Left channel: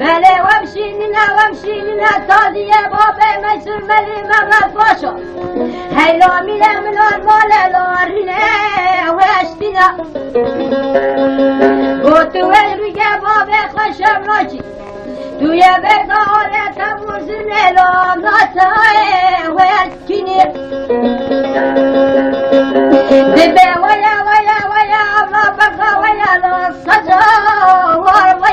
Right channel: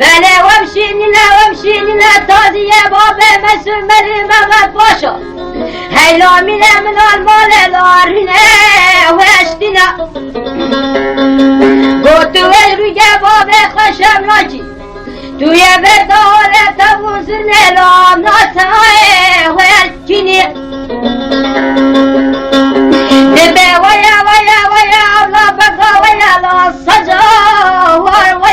بله ومشيننا تازیه بابه مسمری مغد باشا هیلا میله من المال لارینه وشتینا گوتو روی بابه خوشم ناچی توی بداله تبوزن لامناتای وشتینی دبه ویا الله بقا ویا لا سجا ویا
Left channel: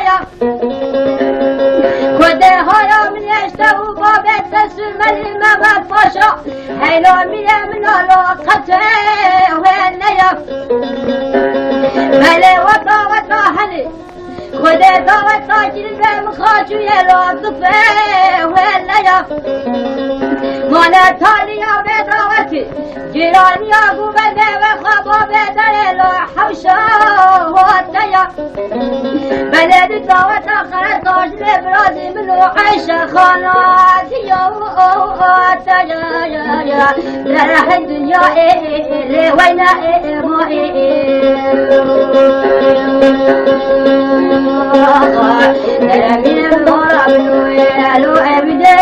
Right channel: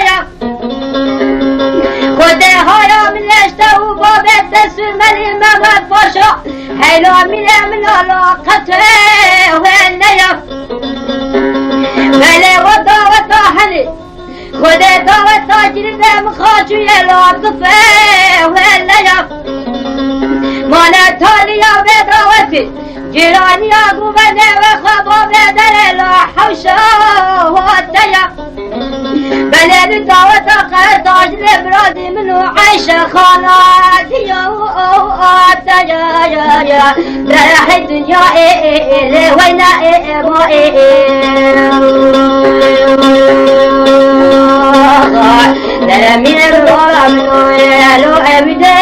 سمري مغد باشا هيلا من علاقته والنيف بلي وضا هلي وده دعوة جرده مخاطو يلا طفه والنيف مانا تاليا بدعوتي جيراني اقو بده وخبا بدر لا حوشا والتيا بلد الدعوة قرطاج لبرادي منو عيشة خالاتي يا درح الدنيا وين ما درمين الغرى منو لو أبدا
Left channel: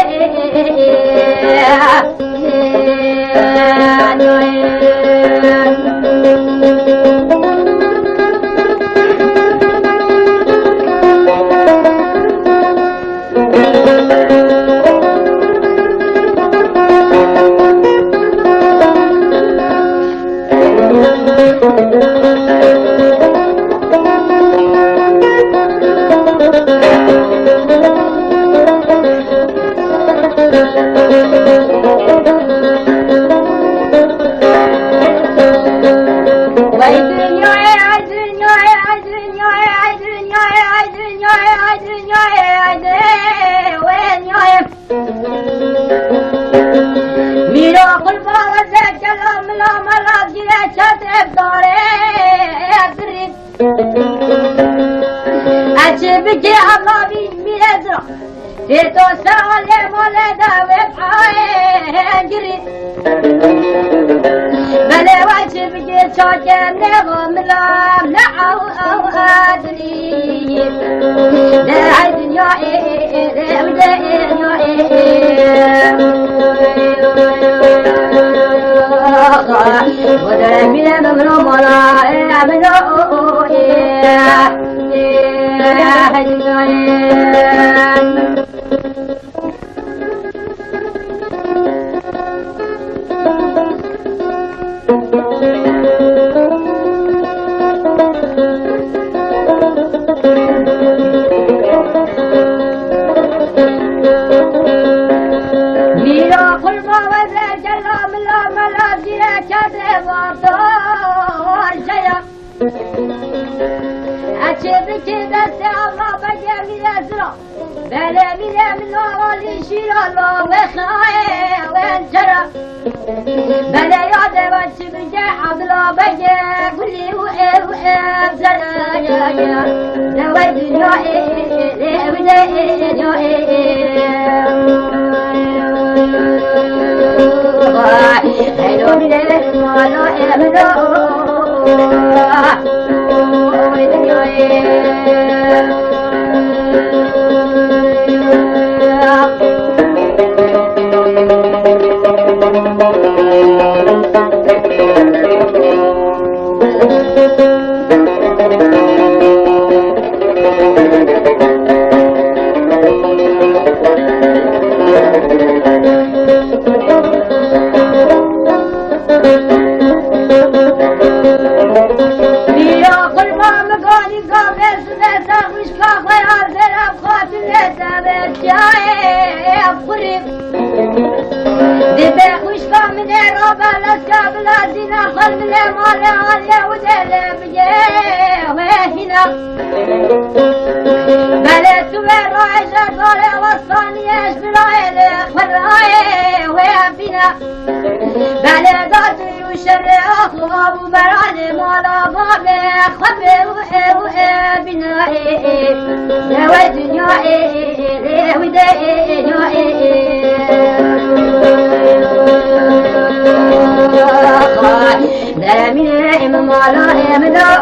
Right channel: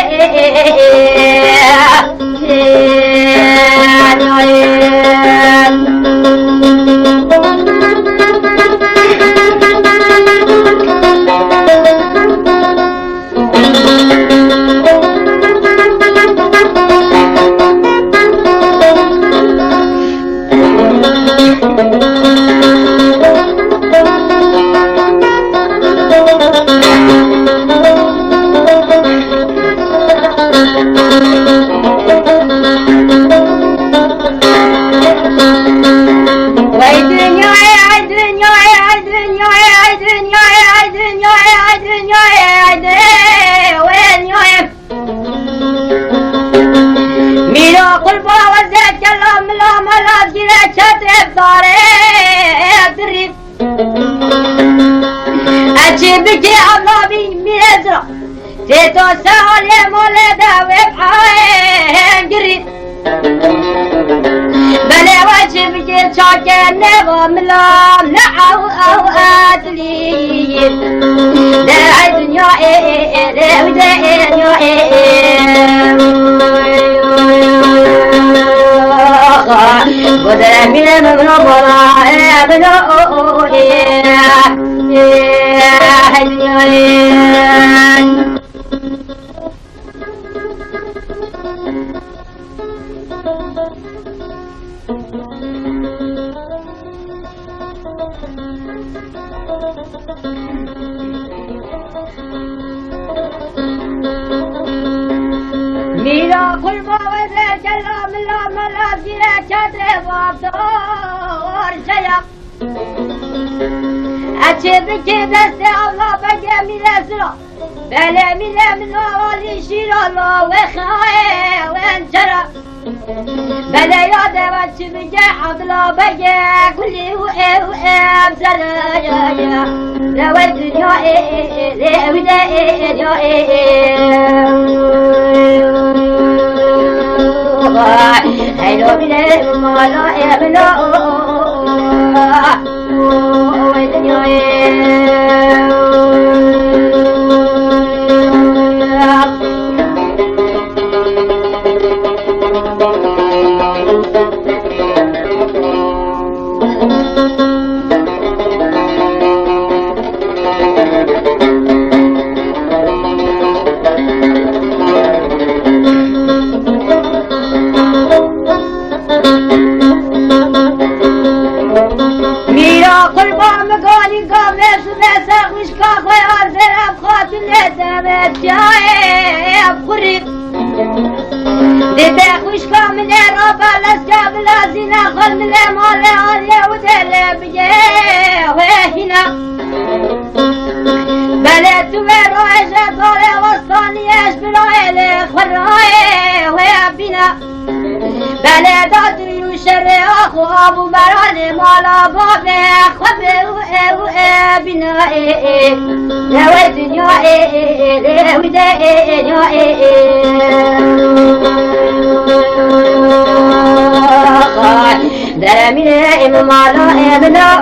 بجي عربي ميزرا تيتو سالي مولدا وبحاين جري بلي وجه بجي شاكي نغم لام لعو او ادلي لا دنيا لا دنيا وذا من مغربنا ابنا ميرا خلما وذا جلام لا ملاقيا كده وعطار جيا أشبك دست الله بقى من أسرع بلا من أولي شير الله وخايا وانشرع بلا يا دوات بجا عضلا بجا كلي وأبزرا يا دوا الدنيا ودا يا هلو من المالا يملا دده خوش کامل رابع لسکا بلازینا خلمل مال آنیا و دل بگه و هینا بله تو رایش باره وصلانیش برایل خرای و بینا بله دادوی و شر آخو آبو بران مالا بابه خبه و بینا و دنیا و دنیا درمینه مالا امنا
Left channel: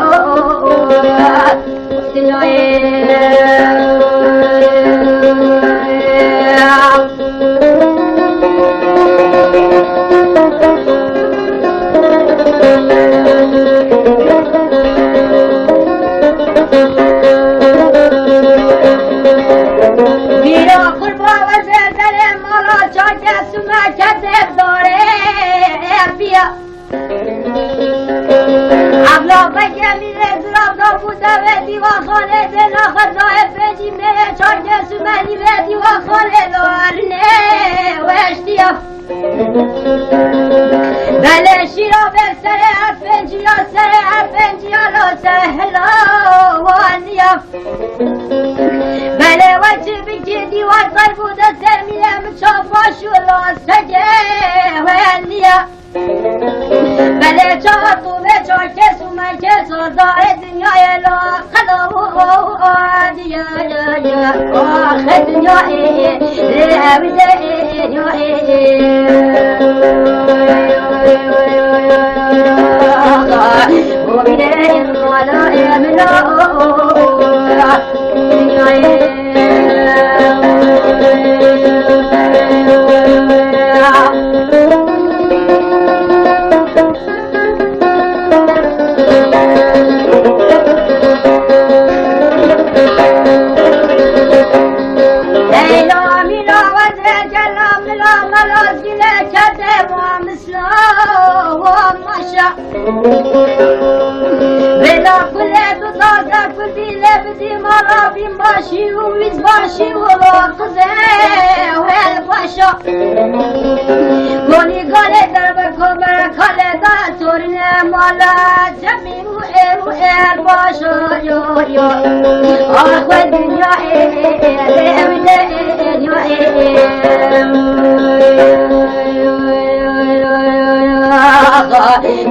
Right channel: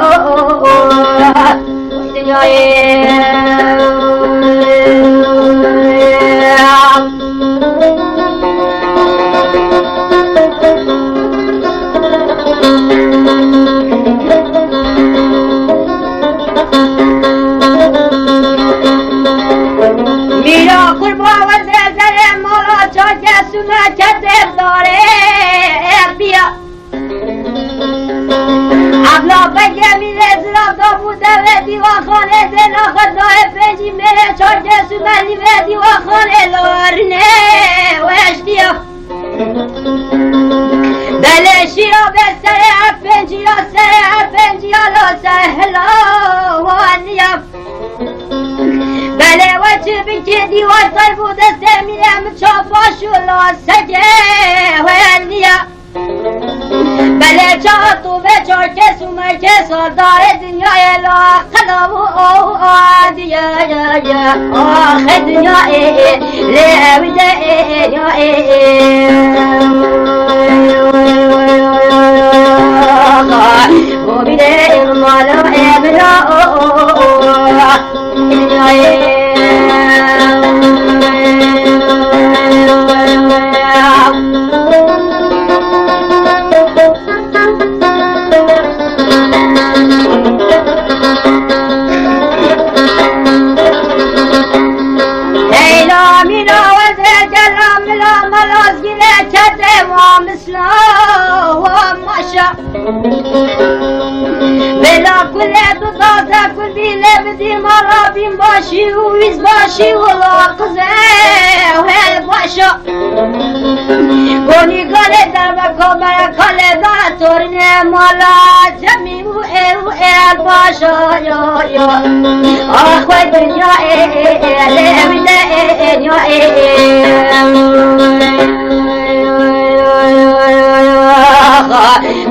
میرا قربا وزرگره مالا چاچه سونا کتب داره بیا ابلا بگه میره زراب دا بوده و دیوان خانه زنا خدای پنجی میره چاچه سومنی و دیوان خانه لارنه و اشتیا بله شیرا به سر پنجی یا سر پنجی یا لا سهلا وانیا بله و چه بکه دیوان سر بوده سمیم چاپاشو لا سگه وانیا بله چاطو به چاکس و مرکس دار دنیای لا خلاب و آدیا آخه دنیای لعبده و بیده مالا امنا بلا كله تضازة كل ديلة بدي مرة بين باشي ويز باشي ولا قزة وهي باشا كوني قالي دربك وبركالي داتورنا مولا جمي وإيه باشا يا أخوة الدنيا لأبدا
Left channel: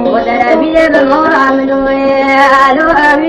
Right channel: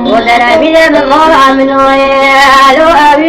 ودرا بنا من مرة من ويا